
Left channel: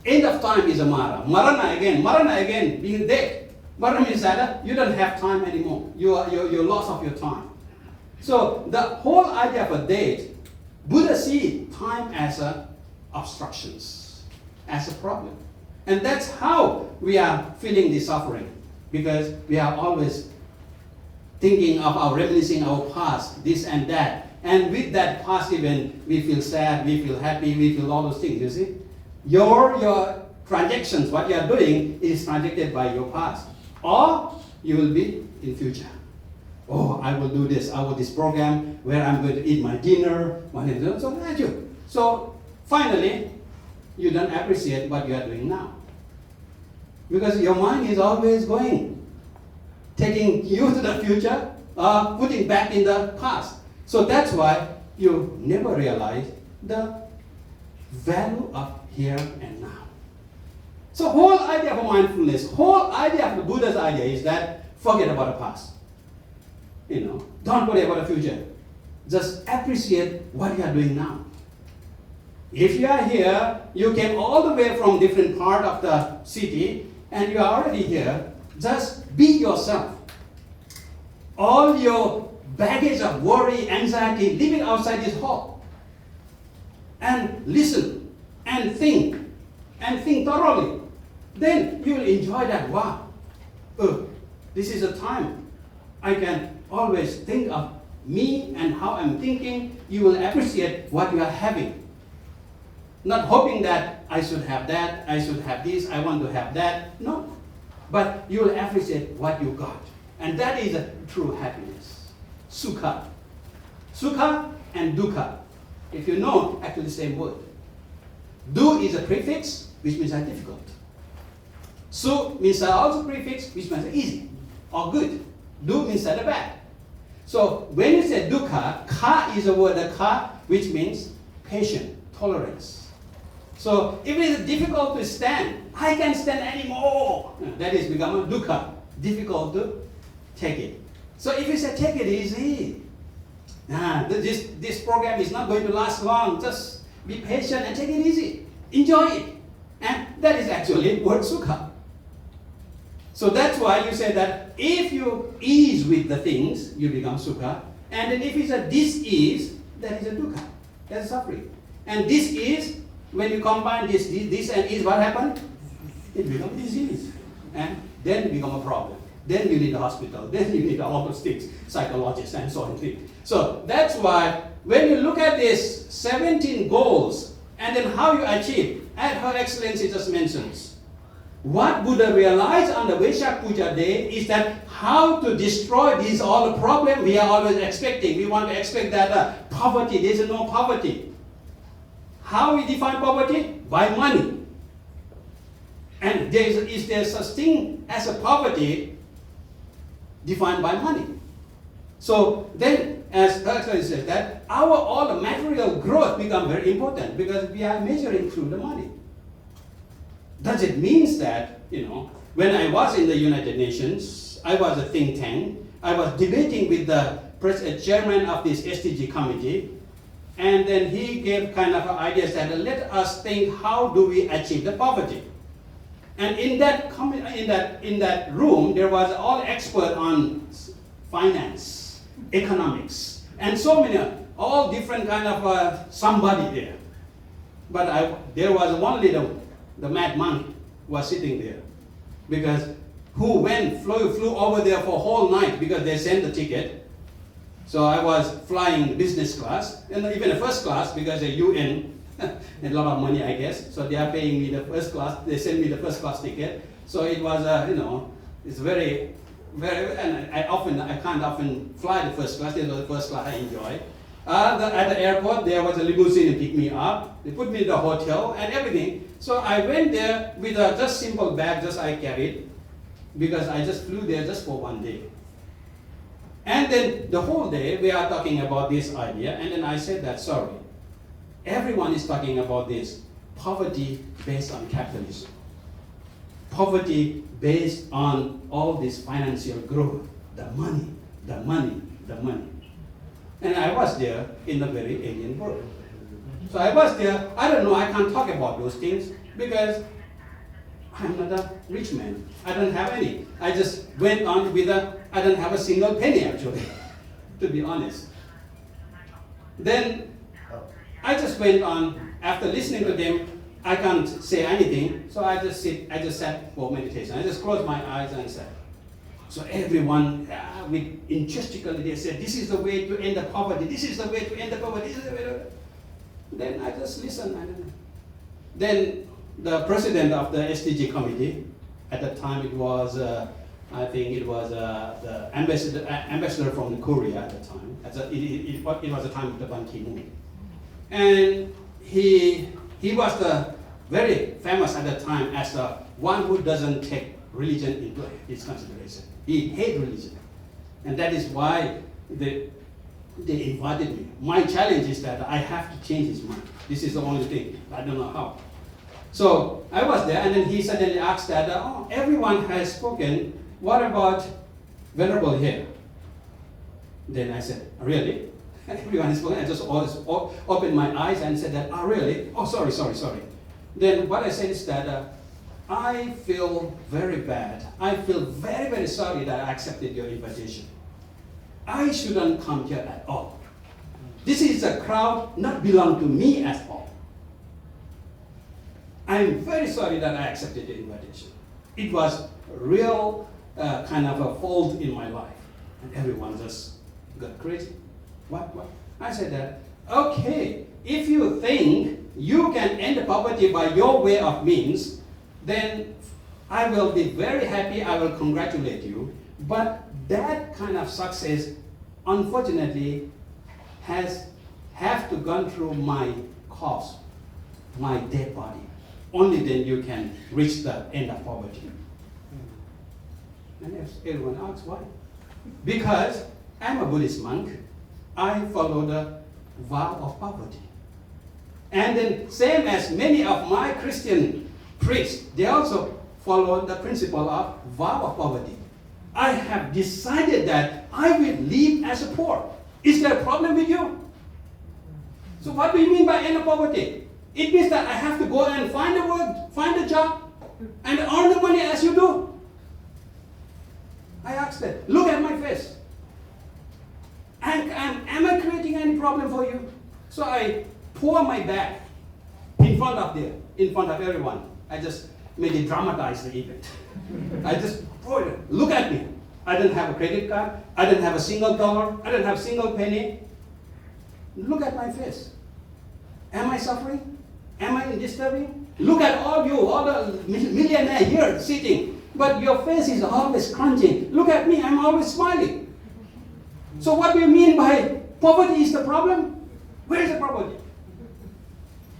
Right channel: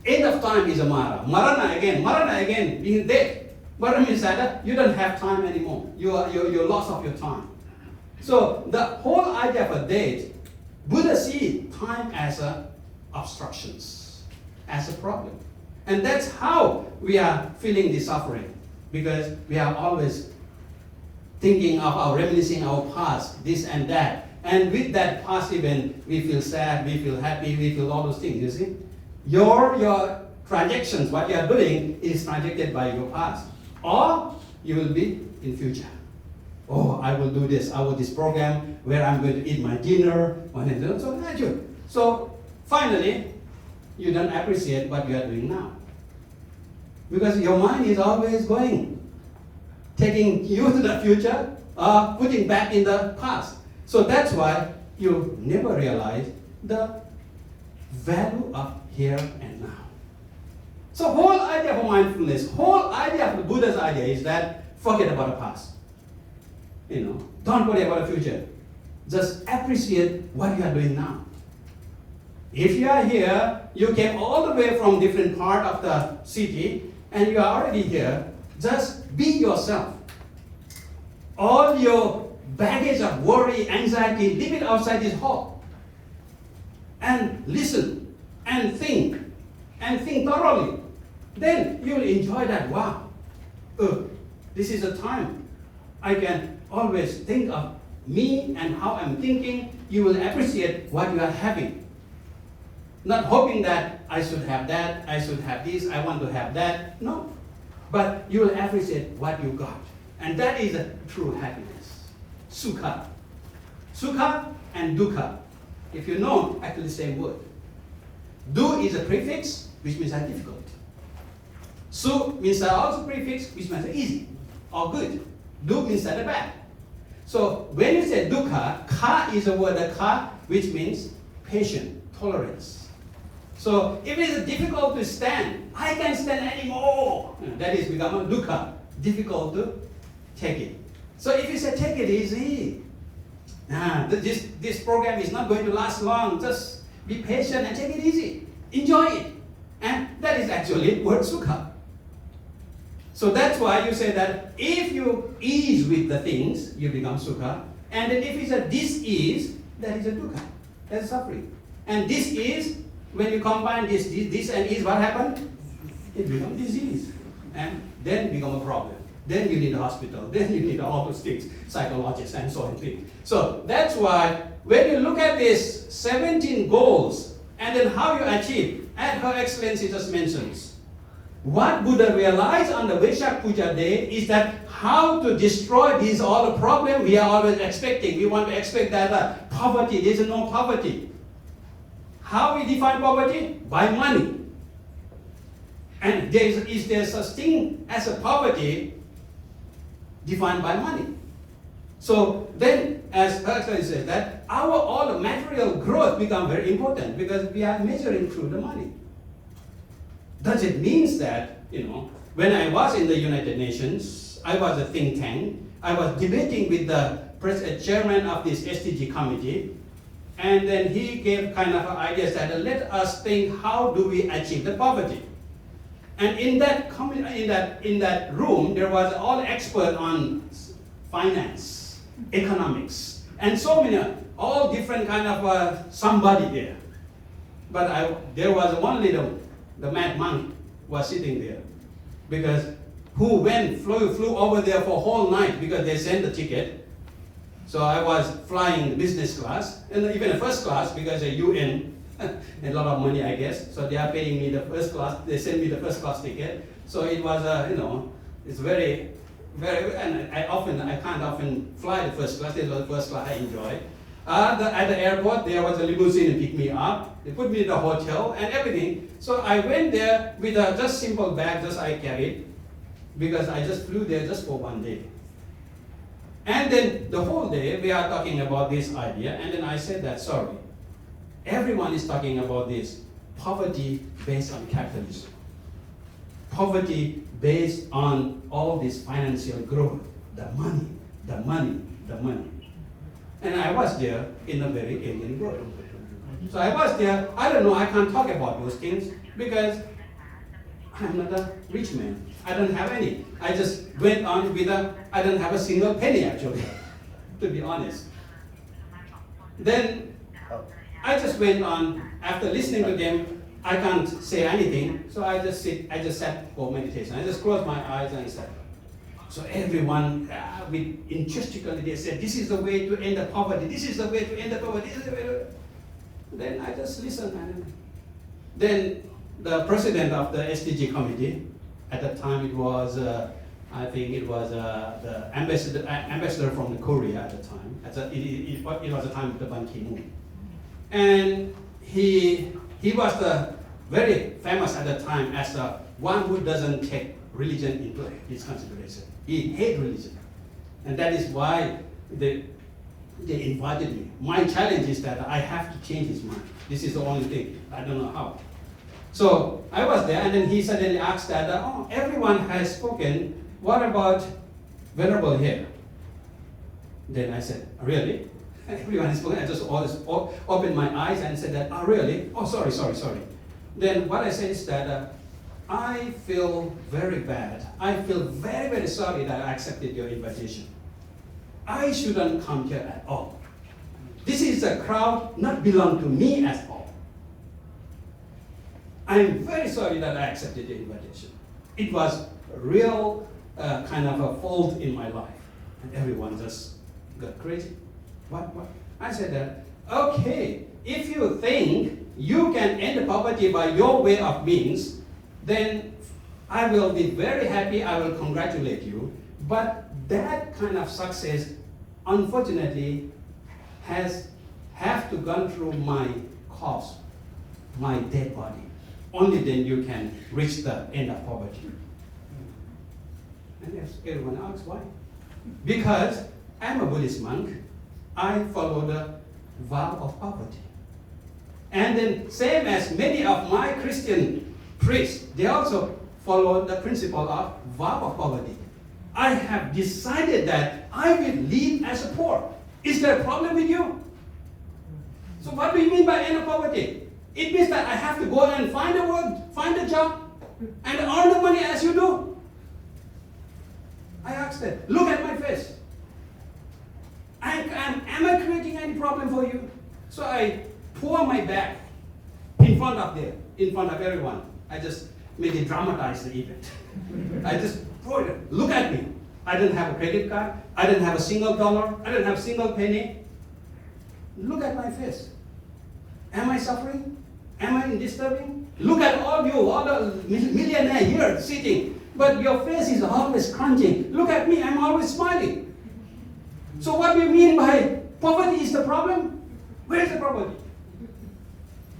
End of time is a Mara. Marana again, being dead. Marana means that you don't have time anymore. You're lost of your time. So the whole idea of a death, Buddha sees time as obstructions, as a problem. And that's how we are feeling the suffering. Because we are always thinking of reminiscing our past, this and that. And with that past event, we feel sad, we feel happy, we feel all those things, you see? Your transactions, what you are doing, is transacted by your past. Or you will be in future. Oh, I will do this, I will this program where I'm going to eat my dinner, so finally, you don't appreciate what you are doing now. Because your mind is always going, taking you to the future, putting back in the past. So that's why you never realize the value of here and now. So whole idea of mindfulness, whole idea of the Buddha's idea is that forget about the past. Don't worry about the future. Just appreciate what you are doing now. If you are here, you came all the way from different part of the city, and you are already here, just be yourself. All your baggage of worry, anxiety, leave it outside this hall. And listen, and think thoroughly. Then you will enjoy that, wow, this is a time I can always think of me and how I'm thinking. You will appreciate what you are having. Not hoping that I should have that, I should have this, I want to have that. No. But you will appreciate what you got. And that is a true happiness. Sukha. Sukha and dukkha. If you know, actually the same word. Du is a prefix, which means difficult. Su means also prefix, which means easy or good. Du means bad. So when you say dukkha, ka is a word, ka, which means patient, tolerance. So if it is difficult to stand, I can't stand anymore. That is become a dukkha, difficult to take it. So if you say take it easy, this program is not going to last long. Just be patient and take it easy. Enjoy it. And that is actually word sukha. So that's why you say that if you ease with the things, you become sukha. And then if it's a dis-ease, that is a dukkha. That's suffering. And dis-ease, when you combine this and ease, what happens? It becomes disease. And then it becomes a problem. Then you need a hospital. Then you need all those things, psychologists and so on. So that's why when you look at these 17 goals and then how you achieve, as Her Excellency just mentions, what Buddha realized on the Vesak Puja day is that how to destroy these all the problems we are always expecting. We want to expect that poverty, there is no poverty. How we define poverty? By money. And is there such thing as a poverty defined by money? So then, as Her Excellency says, that all the material growth become very important because we are measuring through the money. Does it mean that, when I was in the United Nations, I was a think tank, I was debating with the chairman of this SDG committee, and then he gave kind of ideas that let us think how do we achieve the poverty. And in that room, there was all expert on finance, economics, and so many, all different kind of somebody there. But there was one little, the mad monk was sitting there, because who flew over there for a whole night because they sent the ticket. So I was flying business class, and even the first class because the UN, a lot of money I guess. So they are paying me the first class. They sent me the first class ticket. So it was, it's very, very, and I can't often fly the first class. It was the first class I enjoy. At the airport, there was a limousine to pick me up. They put me in the hotel and everything. So I went there with a just simple bag, just I carried, because I just flew there just for one day. And then the whole day we are talking about this idea, and then I said that, sorry, everyone is talking about this poverty based on capitalism, poverty based on all this financial growth, the money. And I was there in a very alien world. So I was there, I don't know, I can't talk about those things because I'm not a rich man. I don't have any. I just went on with I don't have a single penny actually, to be honest. Then I just went on, after listening to them, I can't say anything, so I just sat for meditation. I just closed my eyes and sat. So everyone, with enthusiastically, they said, this is the way to end the poverty, this is the way to end the poverty, this is the way. Then I just listened. And then the president of the SDG committee, at that time it was, I think it was the ambassador from Korea at the time. It was the time of the Ban Ki-moon. And he was the very famous at the time as the one who doesn't take religion into his consideration. He hates religion. And that is why they invited me. My challenge is that I have to change his mind. This is the only thing. I don't know how. So I was there, and then he suddenly asked that, everyone has spoken. What about Venerable here? Then I said, really? Everyone has spoken. I just opened my eyes and said that, really? Oh, sorry. Then what I said is that I feel very bad. I feel very, very sorry that I accepted your invitation. I shouldn't come here at all. This is a crowd not belong to me at all. I'm very sorry that I accepted the invitation. It was a real kind of a fault in my life. And everyone just got crazy. What? I said that, okay, if you think you can end poverty by your way of means, then I will be very happy, I will congratulate you. But that kind of success, unfortunately, have to gone through my corpse, my dead body. Only then you can reach the end of poverty. And everyone asks why? Because I'm a Buddhist monk, I follow the vow of poverty. And then same as many of my Christian priests, they also follow the principle of vow of poverty. I have decided that I will live as a poor. Is there a problem with you? So what do you mean by end of poverty? It means that I have to go and find a work, find a job, and earn the money as you do. I asked them, look at my face. Am I creating any problem for you? So I pour my bag in front of everyone. I just made it dramatize the event. I just pour it. Look at me. I didn't have a credit card. I didn't have a single dollar. I didn't have a single penny. Look at my face. Am I suffering? Am I disturbing? Look at all you, all the millionaires here sitting. But your face is always crunching. Look at me, I'm always smiling. So what do you mean by poverty is the problem? Where is the poverty?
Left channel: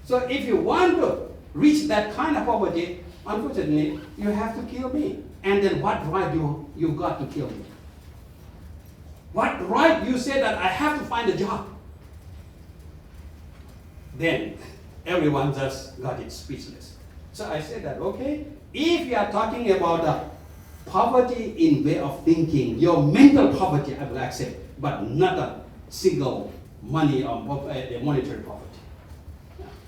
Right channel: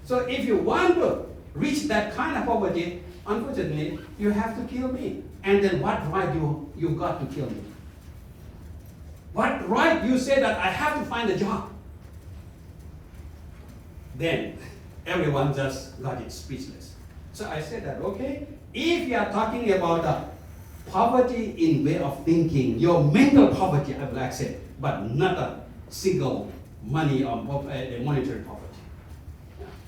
So if you want to reach that kind of poverty, unfortunately, you have to kill me. And then what right you got to kill me? What right you say that I have to find a job? Then everyone just got it speechless. So I said that, okay, if you are talking about the poverty in way of thinking, your mental poverty I will accept, but not a single money or monetary poverty.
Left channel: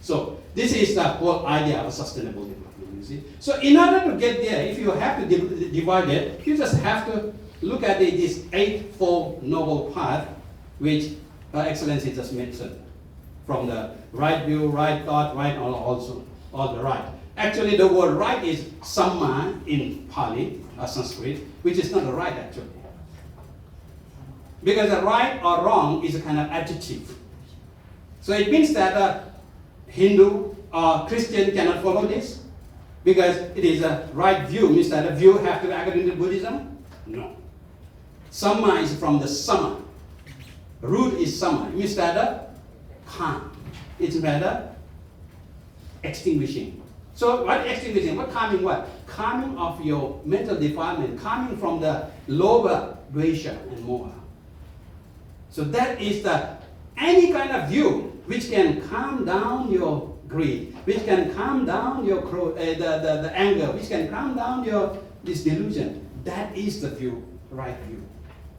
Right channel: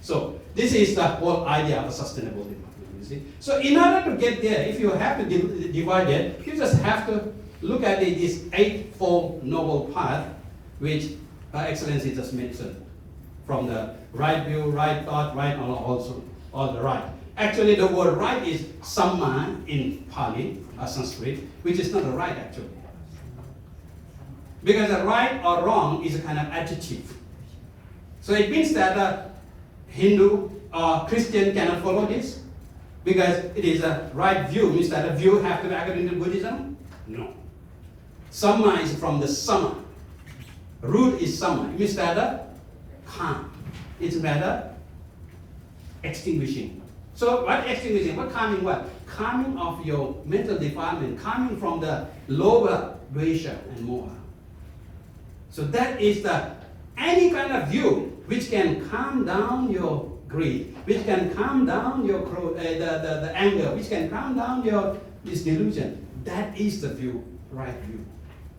So this is the whole idea of a sustainable development, you see. So in order to get there, if you have to divide it, you just have to look at this eightfold noble path, which Her Excellency just mentioned. From the right view, right thought, right also, all the right. Actually, the word right is samma in Pali, Sanskrit, which is not the right actually. Because the right or wrong is a kind of adjective. So it means that a Hindu or Christian cannot follow this, because it is a right view. Means that a view have to be according to Buddhism? No. Samma is from the sama. Root is sama. It means that a calm. It's rather extinguishing. So what extinguishing? What calming what? Calming of your mental defilement, calming from the lower dvesha and moha. So that is any kind of view which can calm down your greed, which can calm down your the anger, which can calm down your this delusion. That is the view, right view.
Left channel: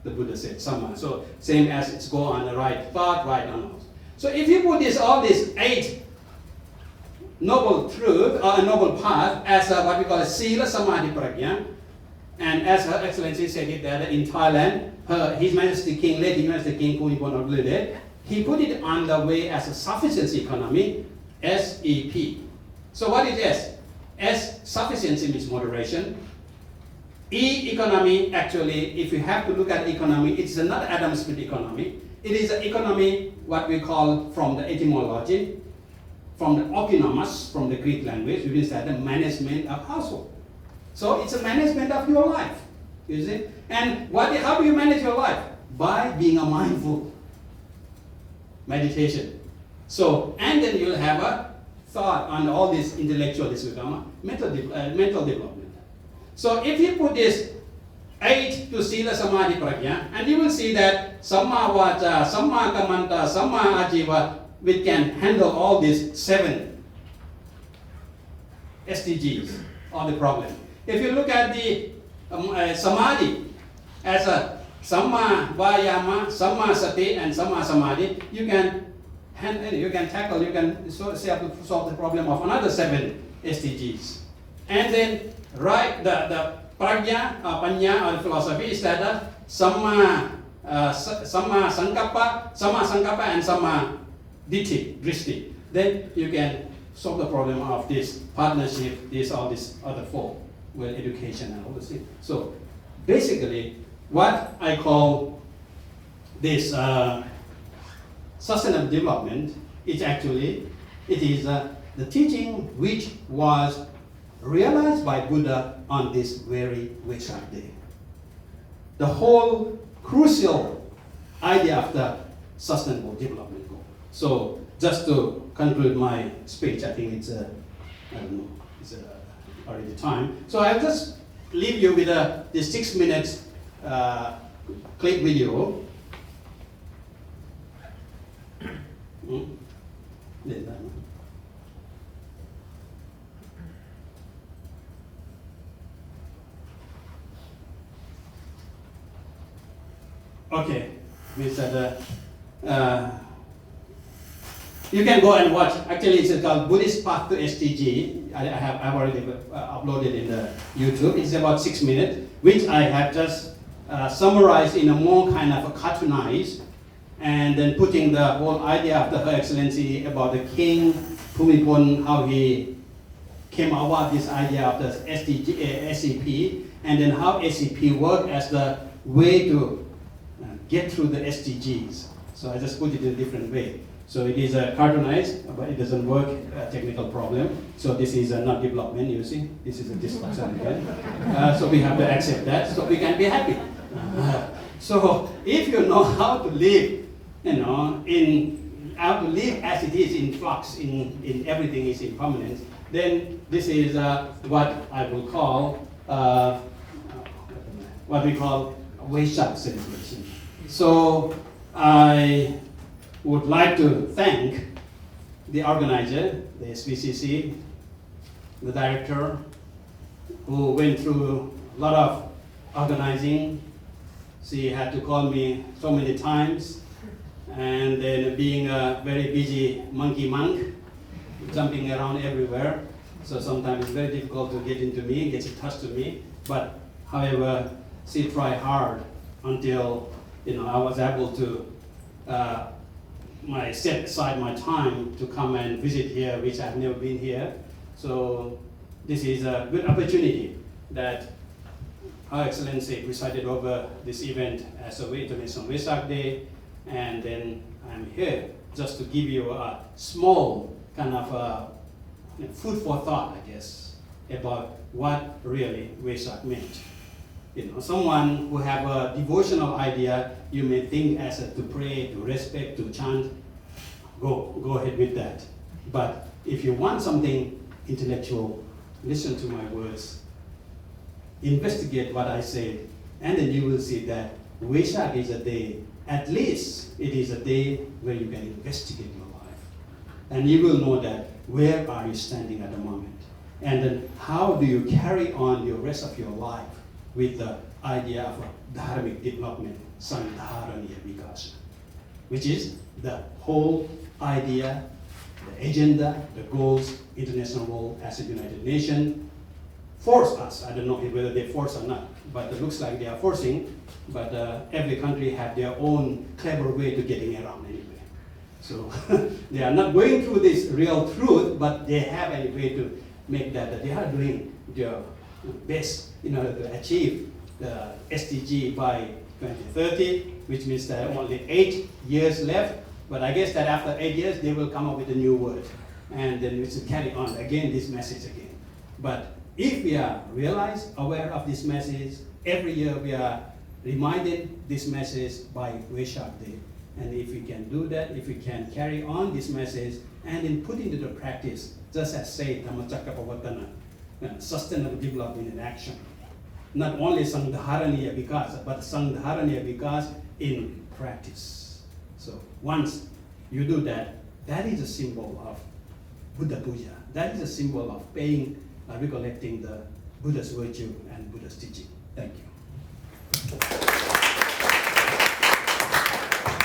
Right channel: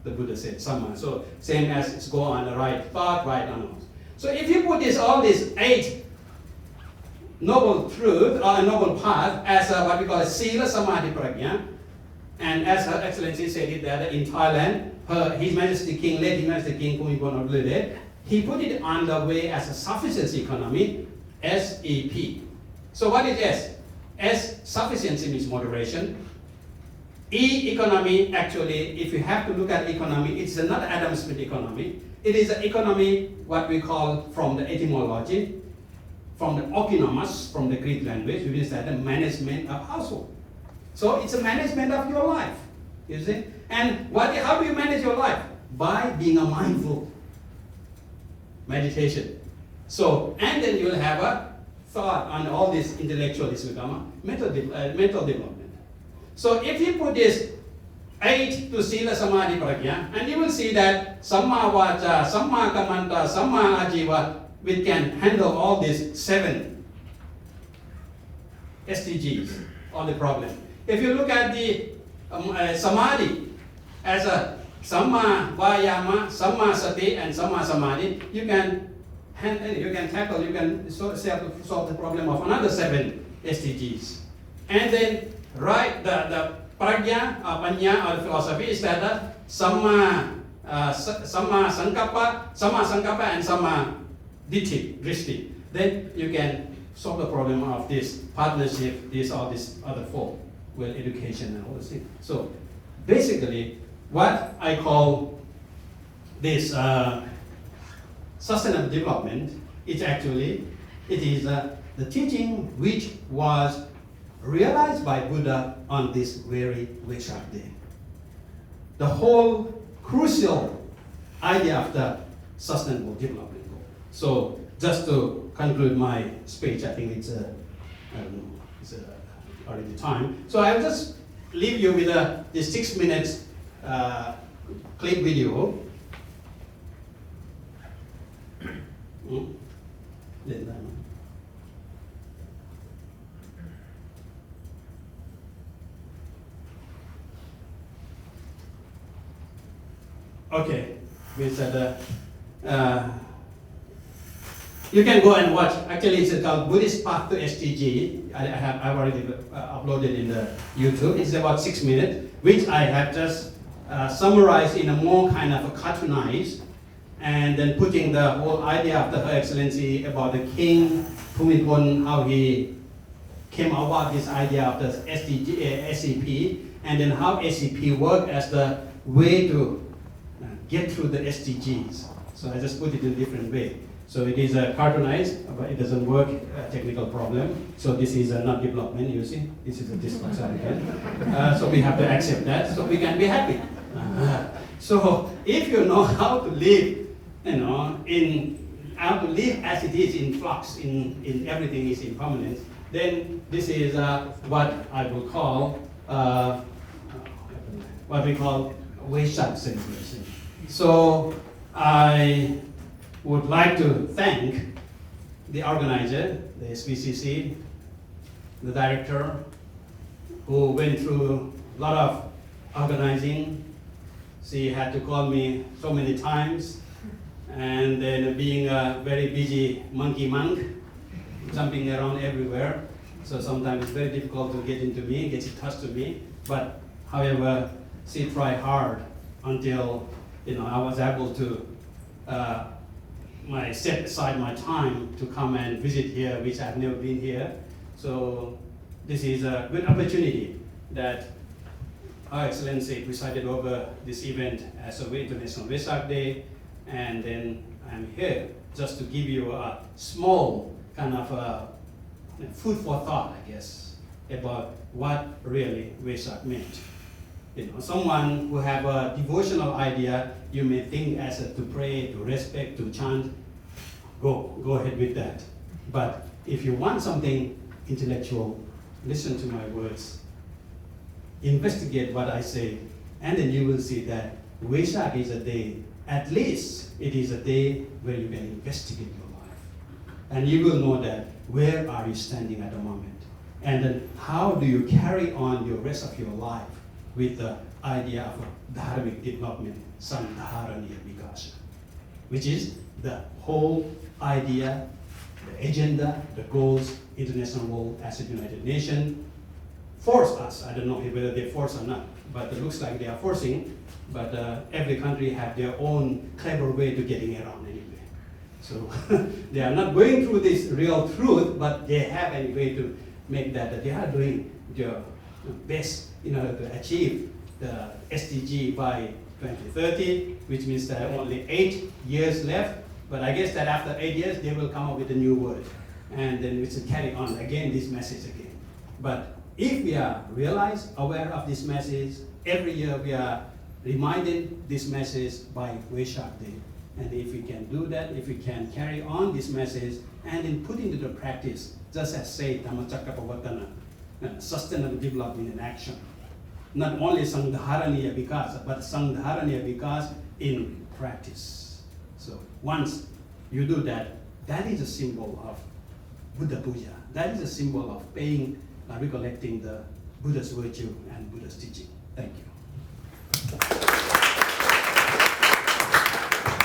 The Buddha said, samma. So same as it's go on the right thought, right on. So if you put all these 8 noble truth or a noble path as what we call a sila samadhi prajna, and as Her Excellency said it that in Thailand, His Majesty King, late His Majesty King Bhumibol Adulyadej, he put it on the way as a sufficiency economy, SEP. So what is S? S, sufficiency means moderation. E, economy, actually, if you have to look at economy, it's not Adam Smith economy. It is an economy, what we call from the etymology, from the oikonomos, from the Greek language, which is that the management of household. So it's a management of your life, you see. And how do you manage your life? By being a mindful meditation. So, and then you'll have a thought on all this intellectual, this become mental development. So if you put this 8 to Sila Samadhi Prajna, and you will see that Samma Vacha, Samma Kamanta, Samma Ajiva, we can handle all these 7 SDGs, all the problem. If you look at the Samadhi as a Samma Vayama, Samma Sati, and Samma Samadhi, you can tackle, you can solve the problem of another 7 SDGs. And then the prajna, panya, or philosophy is that Samma Sankappa, and Samma Drishti. Then you can solve the problem of this partnership, all these other 4, well, education and all these things. So basically, what I call this sustainable development is actually It is the teaching which was realized by Buddha on this very Vesak day. The whole crucial idea of the sustainable development goal. So just to conclude my speech, I think it's I don't know, it's already time. So I'll just leave you with this 6 minutes clip video. Okay, we said you can go and watch. Actually, it's called Buddhist Path to SDG. I've already uploaded in the YouTube. It's about 6 minutes, which I have just summarized in a more kind of a cartoonized, and then putting the whole idea of Her Excellency about the King Bhumibol, how he came about this idea of the SDG, SCP, and then how SCP worked as the way to get through the SDGs. So I just put it in a different way. So it is cartoonized, but it doesn't work, a technical problem. So this is not development, you see. This is a dysfunction. So we have to accept that, so we can be happy. So if you know how to live, how to live as it is in flux, in everything is impermanent, then this is what I will call, what we call Vesak celebration. So I would like to thank the organizer, the SPCC, the director, who went through a lot of organizing. She had to call me so many times, and then being a very busy monkey monk, jumping around everywhere, so sometimes it's very difficult to get into me, get in touch to me. But however, she tried hard until I was able to set aside my time to come and visit here, which I've never been here. So this is a good opportunity that Her Excellency presided over this event as a International Vesak Day, and then I'm here just to give you a small kind of food for thought, I guess, about what really Vesak meant. Someone who have a devotional idea, you may think as to pray, to respect, to chant, go ahead with that. But if you want something intellectual, listen to my words, investigate what I say, and then you will see that Vesak is a day, at least it is a day where you can investigate your life. And you will know that where are you standing at the moment, and then how do you carry on your rest of your life with the idea of Dharmic development, Sanghaharaniya Vikasa, which is the whole idea, the agenda, the goals, international role as a United Nations force us. I don't know whether they force or not, but it looks like they are forcing, but every country have their own clever way to getting around anyway. So they are not going through this real truth, but they have a way to make that they are doing their best in order to achieve the SDG by 2030, which means that only 8 years left. But I guess that after 8 years, they will come up with a new word, and then we should carry on again this message again. But if we are aware of this message, every year we are reminded this message by Vesak Day. And if we can do that, if we can carry on this message and then put into the practice, just as say Dhammacakkappavattana, sustainable development in action. Not only Sanghaharaniya Vikasa, but Sanghaharaniya Vikasa in practice. So once you do that, that is a symbol of Buddha Puja. That is a symbol of recollecting the Buddha's virtue and Buddha's teaching. Thank you.